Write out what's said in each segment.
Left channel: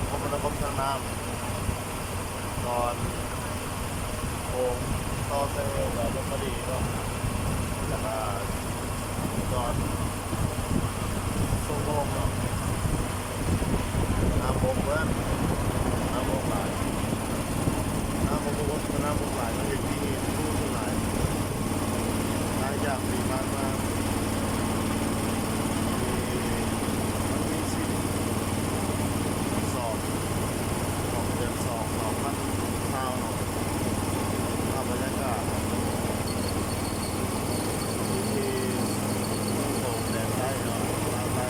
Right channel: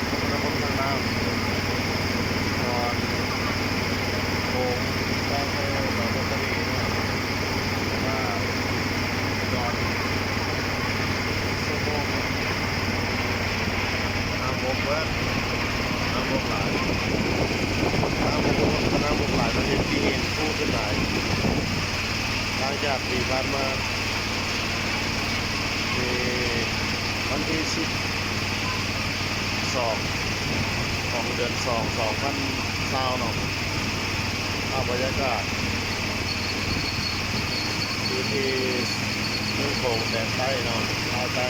างคมนาคมทางน้ำนอนโค้งต่อไปต่อลพบุรีเนาะแต่ว่าจอดชั่วโมงเนาะน้ำบกเบิ้ลน้ำบกหลายน้ำบกหลายมันเห็นที่เห็นผู้ขึ้นหลายหลังจากที่ผ่านมาวันที่12ของเดือน2020เนาะภาพบรรยากาศอยู่ที่เมืองโขงแดนใต้เนาะภาคใต้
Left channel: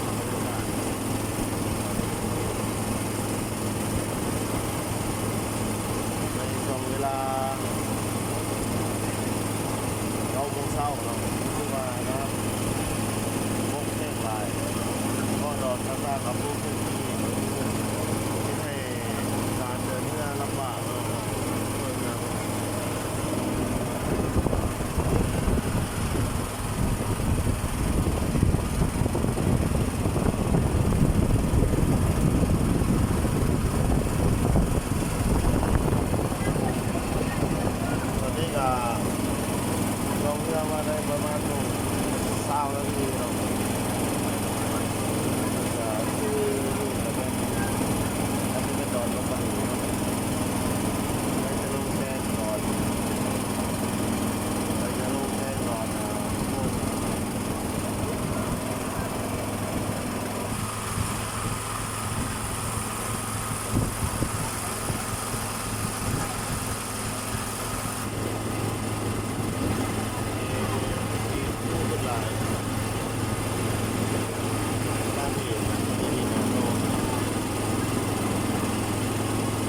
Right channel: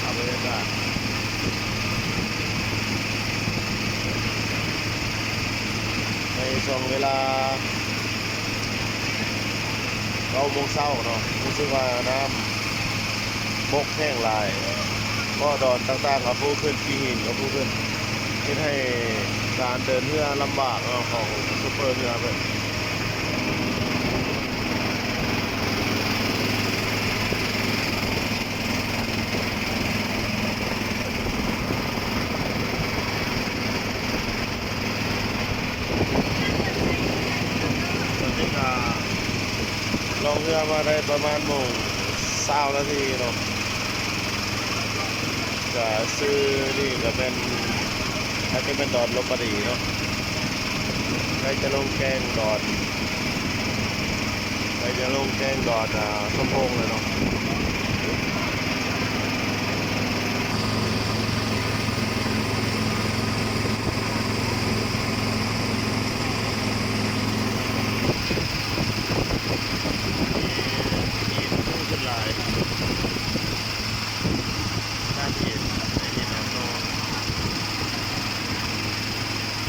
ภาพบรรยากาศในช่วงเวลา9 โมงเช้าเนาะรู้สึกว่าน้ำบกแห้งหลายก็ดอนต่างๆกับผู้ขึ้นที่หินกับผู้ขึ้นที่ให้การเดินเรือลำบากของซุปเปอร์เรือเลยตอนนี้ก็ลงเรือมาได้ประมาณ20 นาทีเนาะก็ซื้อนี่ก็เป็นอันนี้เป็นดอนลพบุรีเนาะใครจะลงแกงดอนพะโพงเลยเนาะมีตู้ขึ้นหลายด้านหินในหินน้ำโต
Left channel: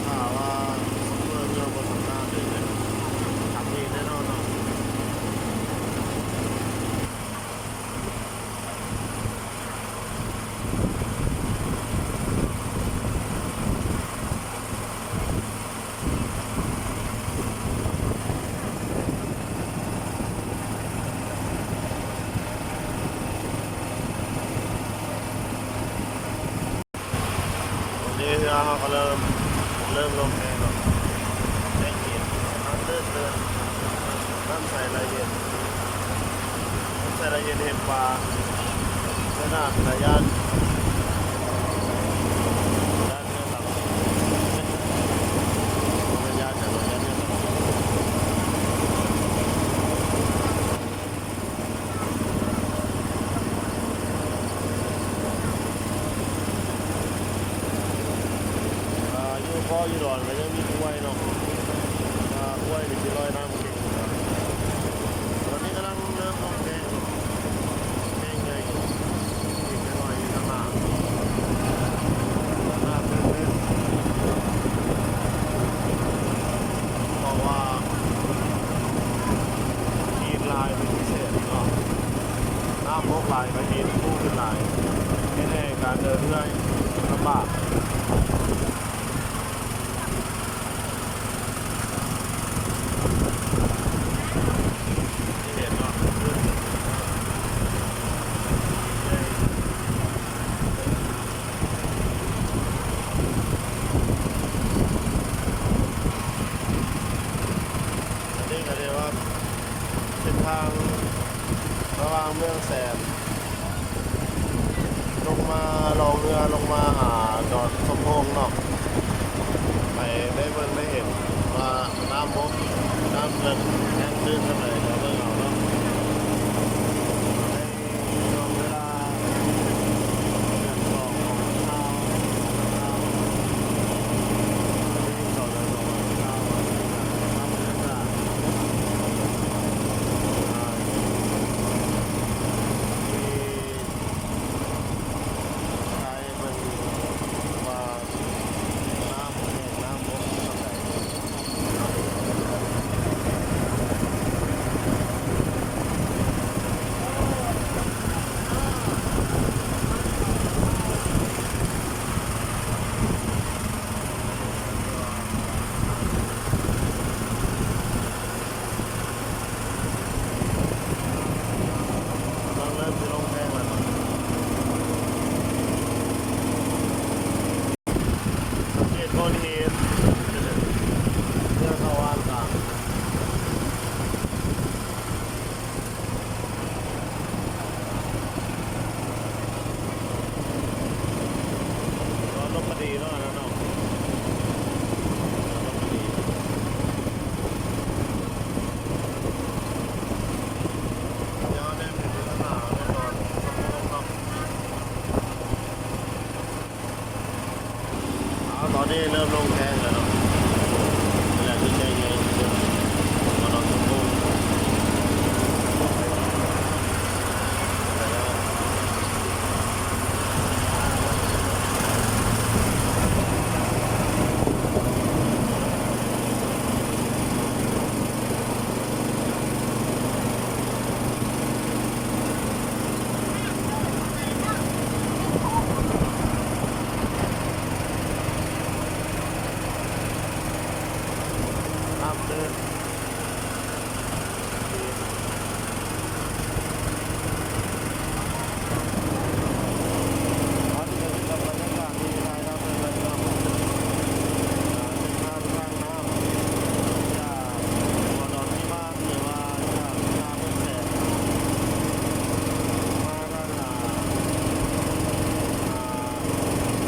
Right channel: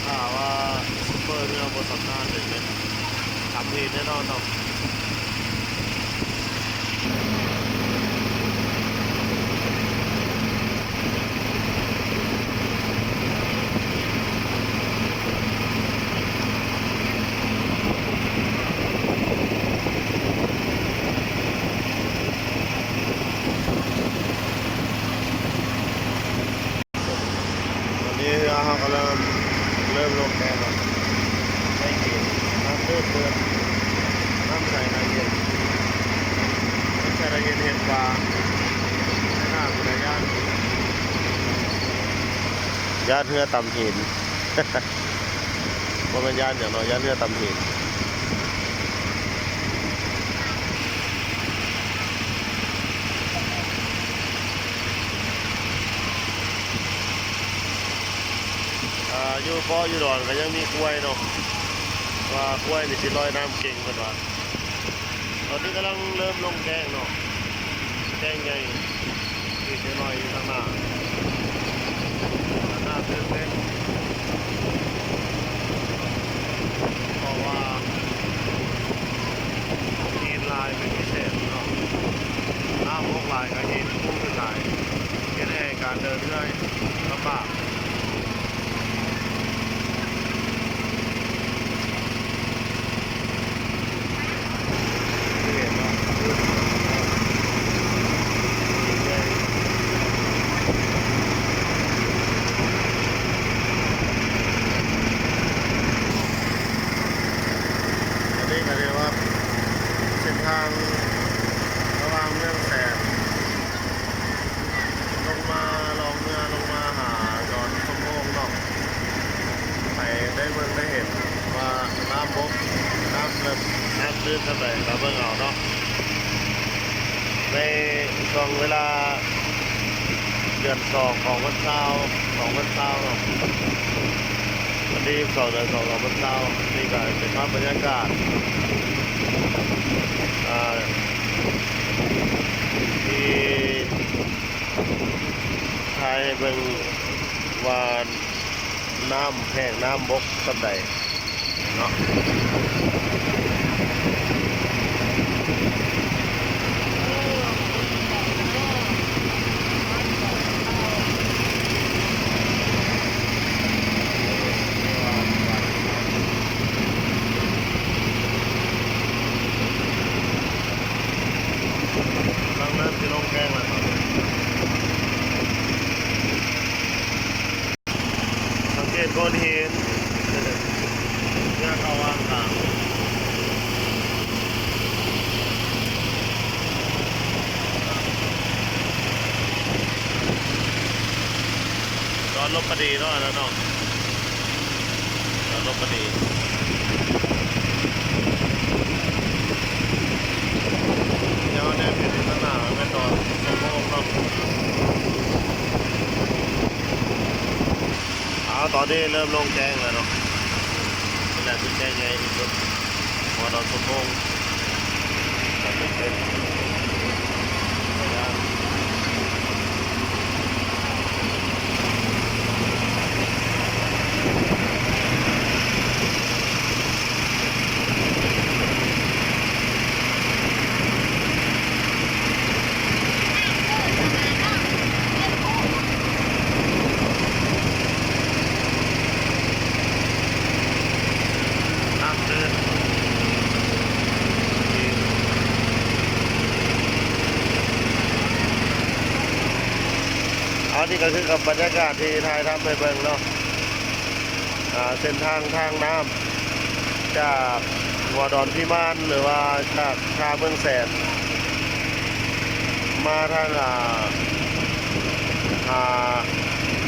ถ้าว่าซุปเปอร์เรือบนสำนักเลยเป็นทำหินแน่นอนเนาะตอนนี้เรือเขาก็เริ่มลงแน่นอนได้เย็นน้ำตื้นน้ำใสละเอียดเห็นปลาในน้ำในย่านเรือต่ำหินมันเป็นย่านอย่างไรย่านเรือต่ำหินอยู่ป้ออยู่ดอนก็ยังมีกล้วยเนาะว่ากล้วยนี่สิลอยน้ำเก่งกันว่าตอนนี้กำลังเริ่มลงแดงเนาะแดงใหญ่ที่สิลอยอยู่ข้างหน้าเต้นเพราะว่าหินลายเป็นพิเศษเนาะน้ำบกลายกับหินพุ่งขึ้นลายแค่ให้การเดินเรื่อยลำบากนี่ก็เรียกว่าเส้นทางระหว่างเมืองแสนลงมาลงเรือลงมาหาดอนสมพงษ์เนาะไปได้เบิ่งได้เห็นว่าน้ำบกน้ำเริ่มน้ำตื้นเท่าไหร่ก็เบิ่งเอาเนาะในช่วงเวลาเดือน2ของวันเสาร์วันที่2เดือน2ของวันเสาร์นี่ก็เป็นภาพบรรยากาศที่ไทยเป็นว่าน้ำแห้งน้ำบกสำใดเนาะเริ่มจะลงแกงแล้ว โกนหินเนี่ยเข้าว่างกลางร้อนลบพอดีเนาะแล้วเนาะร้อนลบพอดียังได้เปลี่ยนที่สนามไม่ตอนสมองเนาะตอนนี้เริ่มลงแจ้งแล้วเนาะนี่แหละคือแจ้งไงที่สุดวันนอนสมองน้ำตื้นนี่ก็คือกับบรรยากาศที่ไทยทำไปเบิ่งเนาะเส้นทางน้ำจากหัวดอนพิมานหรือว่าจากชาเมืองแสนมาทาง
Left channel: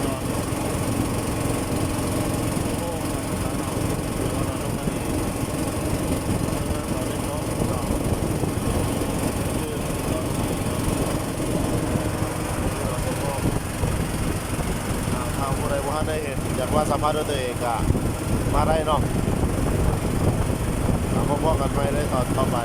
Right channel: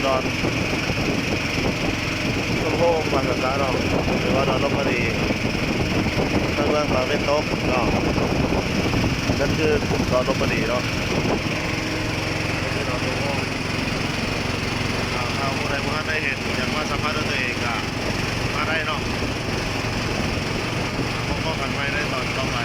ดอนทุ่งโฮงมาสักการะหรือว่าดอนลบบุรีทางเมืองเราเล่นโต๊ะเนาะนั่นคือดอนลบบุรีเนาะนี่คือดอนทุ่งโฮงทางผู้ใดผู้ท่านได้เห็นอยากว่าสัมภาษณ์ด้วยตัวเองก็มาได้เนาะพบกันไว้ได้ตอนต่อไป